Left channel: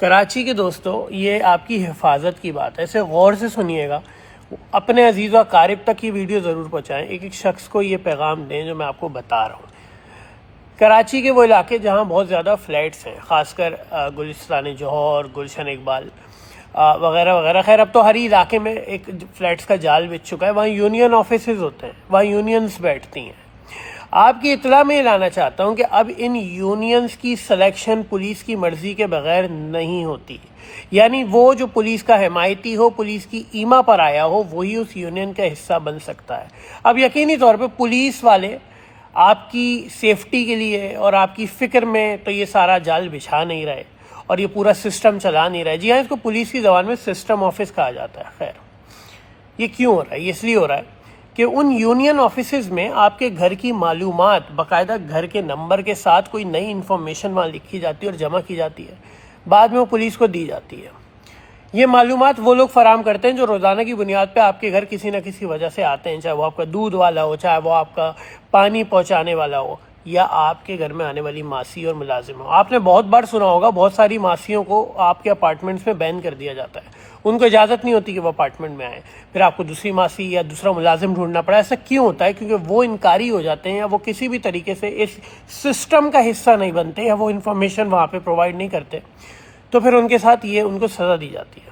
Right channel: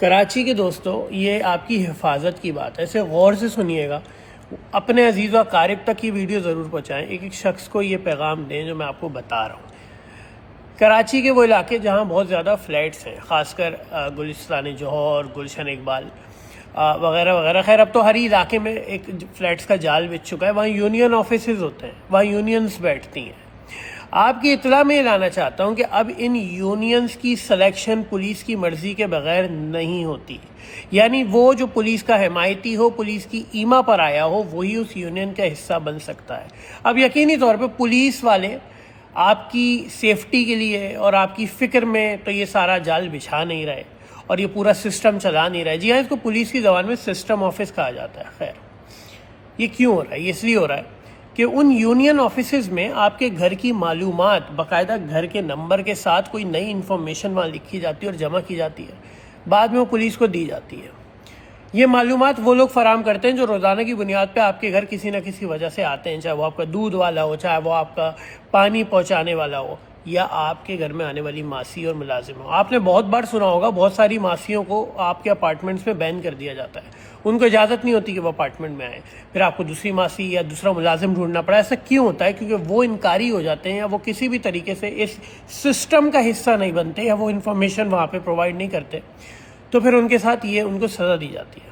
کراچی کے دوستو، یہ آپ کی حفاظت کی بات ہے، اسے غور سے سنیے گا، اپنے عزیز و اقارب تک یہ ویڈیو ضرور پہنچائیں، ایک ایک شخص کو یہ پیغام دیں جو میں آپ کو بتا رہا ہوں۔ کراچی کے وہ علاقے جہاں بہت زیادہ فلیٹس ہیں، خاص کر گلستان جوہر، گلشن اقبال وغیرہ وغیرہ، خیر اب تو ہر علاقے میں ایک فلیٹس کا جال بچ چکا ہے، وہاں یونین آفیسز ہوتے ہیں، وہاں یونینز بیٹھتی ہیں۔ آپ کی اطلاع میں لانا چاہتا ہوں کہ اب ان یونینز کی سلیکشن پولیس کی مرضی کے بغیر نہیں ہوتی، یعنی وہ جو پولیس کا حمایتی ہو، پولیس کی ایما پر آیا ہو، وہی اس یونین کا حصہ بن سکتا ہے۔ اب یقینی طور پہ پولیس والے آپ کی سیفٹی کے لیے اور آپ کی فکر میں تو یہ سارا جال بچھا نہیں رہے اور یہ پورا سسٹم چلا نہیں رہے۔ جی ہاں، اس کو پولیس کی زبان میں سسٹم آفس کہا جاتا ہے۔ خیر یہ کیوں ہو رہا ہے؟ یہ اس لیے ہو رہا ہے کہ ان یونین آفیسز میں آپ کے گھر کی معلومات باقاعدہ گھر کے نمبر کے ساتھ کوئی نئی انفارمیشن وہاں لکھی جاتی ہے اور جمع کی جاتی ہے، بعد میں وہ پولیس کو دی جاتی ہے۔ یہ معلومات وہ لوگ فراہم کرتے ہیں جو روزانہ کی بنیاد پہ آپ کے گھر کسی نہ کسی وجہ سے آتے ہیں، چاہے وہ آپ کا دودھ والا ہو، چاہے وہ آپ کا پانی پہنچانے والا ہو، یا آپ کے گھر میں آنے والی ماسی اور ملازم ہو۔ آپ نے بہت بار سنا ہوگا بہت ساری ماسیوں کو آپ کے اپارٹمنٹس میں بین کر دیا جاتا ہے، ان کو اجازت نہیں ہوتی کہ وہ اپارٹمنٹ میں آئیں، پھر آپ کو دوسری ماسی یا دوسرا ملازم ڈھونڈنا پڑا۔ ایسا کیوں ہوتا ہے؟ کیونکہ وہ انکاری ہو جاتے ہیں یا وہ کسی بھی طریقے سے اس سسٹم کا حصہ نہیں بنتے یا وہ انفارمیشن وہاں پہ پرووائڈ نہیں کرتے، تو پھر ان کے ساتھ ان کو سزا دی جاتی ہے۔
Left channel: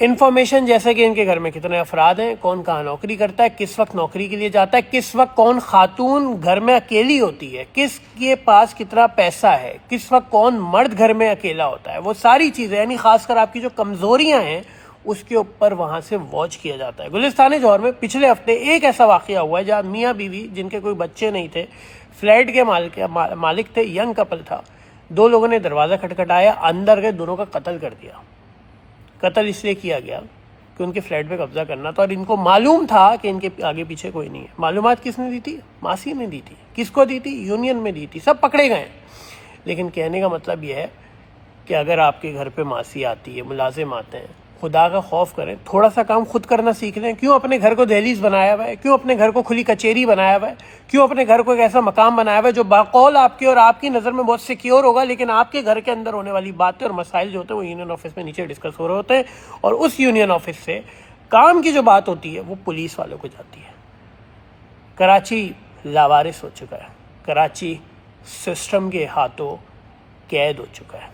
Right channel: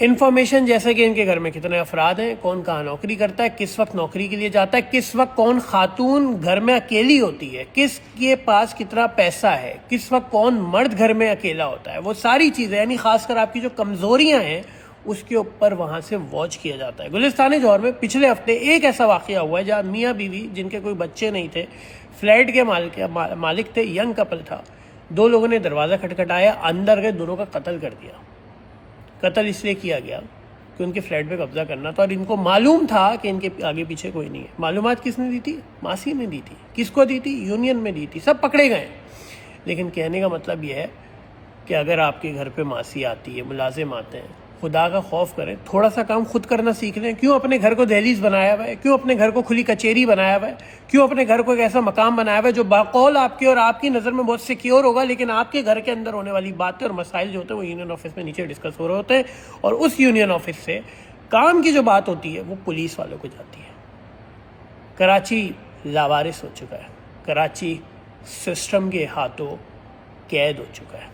انفارمیشن جیسے کہ ان کے گھر میں کتنے افراد ہیں، کون کہاں نوکری کرتا ہے، کس وقت نوکری کے لیے جاتا ہے، کس وقت کون خاتون گھر میں اکیلی ہوتی ہے، کس کے پاس کتنا پیسہ ہے، کس وقت کون مرد گھر میں اکیلا ہوتا ہے، وہ ساری چیزیں، یعنی خاص کر آپ کی جو کمزوریاں ہیں اس کے اوپر وہاں سے واچ کیا جاتا ہے۔ گلستان جوہر میں پچھلے ہفتے ایک ایسا واقعہ ہوا ہے جہاں میاں بیوی جن کے کوئی بچے نہیں تھے، فلیٹ کے مالک تھے، ینگ کپل تھا، دو لوگوں نے دروازہ کھٹکھٹایا، اندر گئے، دونوں کا قتل کر دیا۔ قتل اس لیے کیا گیا کہ ان کے فلیٹ پہ قبضہ کرنا تھا اور ان کو معلوم تھا کہ ان کے آگے پیچھے کوئی نہیں ہے۔ معلومات کس نے دی تھی؟ ماسی نے دی تھی۔ کس کو دی تھی؟ یونین میں دی تھی۔ سب پکڑے گئے۔ لیکن کہنے کا مطلب یہ ہے کہ اگر آپ کے گھر پہ ماسی آتی ہے، ملازم آتے ہیں، خدا کا خوف کریں، تھوڑا سا کام خود کرنا سیکھ لیں۔ کیوں اپنے گھر کو دہلیز بنایا ہوا ہے؟ کیوں اپنے گھر کو کھلی کچہری بنایا ہوا ہے؟ کیوں اپنے گھر کو ایک ایسا مقام بنایا ہوا ہے جو باقول آپ کے اور آپ کی نظر میں بہت سیکیور ہوگا، لیکن آپ کے گھر کے اندر ہونے والی باتیں اور مسائل جو ہوتے ہیں وہ یونین آفس میں نیچے ڈسکس ہو رہے ہوتے ہیں، اور اس یونین آفس سے کام کی جو بات ہوتی ہے وہ پولیس والوں کو جاتی ہے۔ کراچی لاوارث ہو چکا ہے، کراچی سسٹم کے ہاتھوں قید ہو چکا ہے۔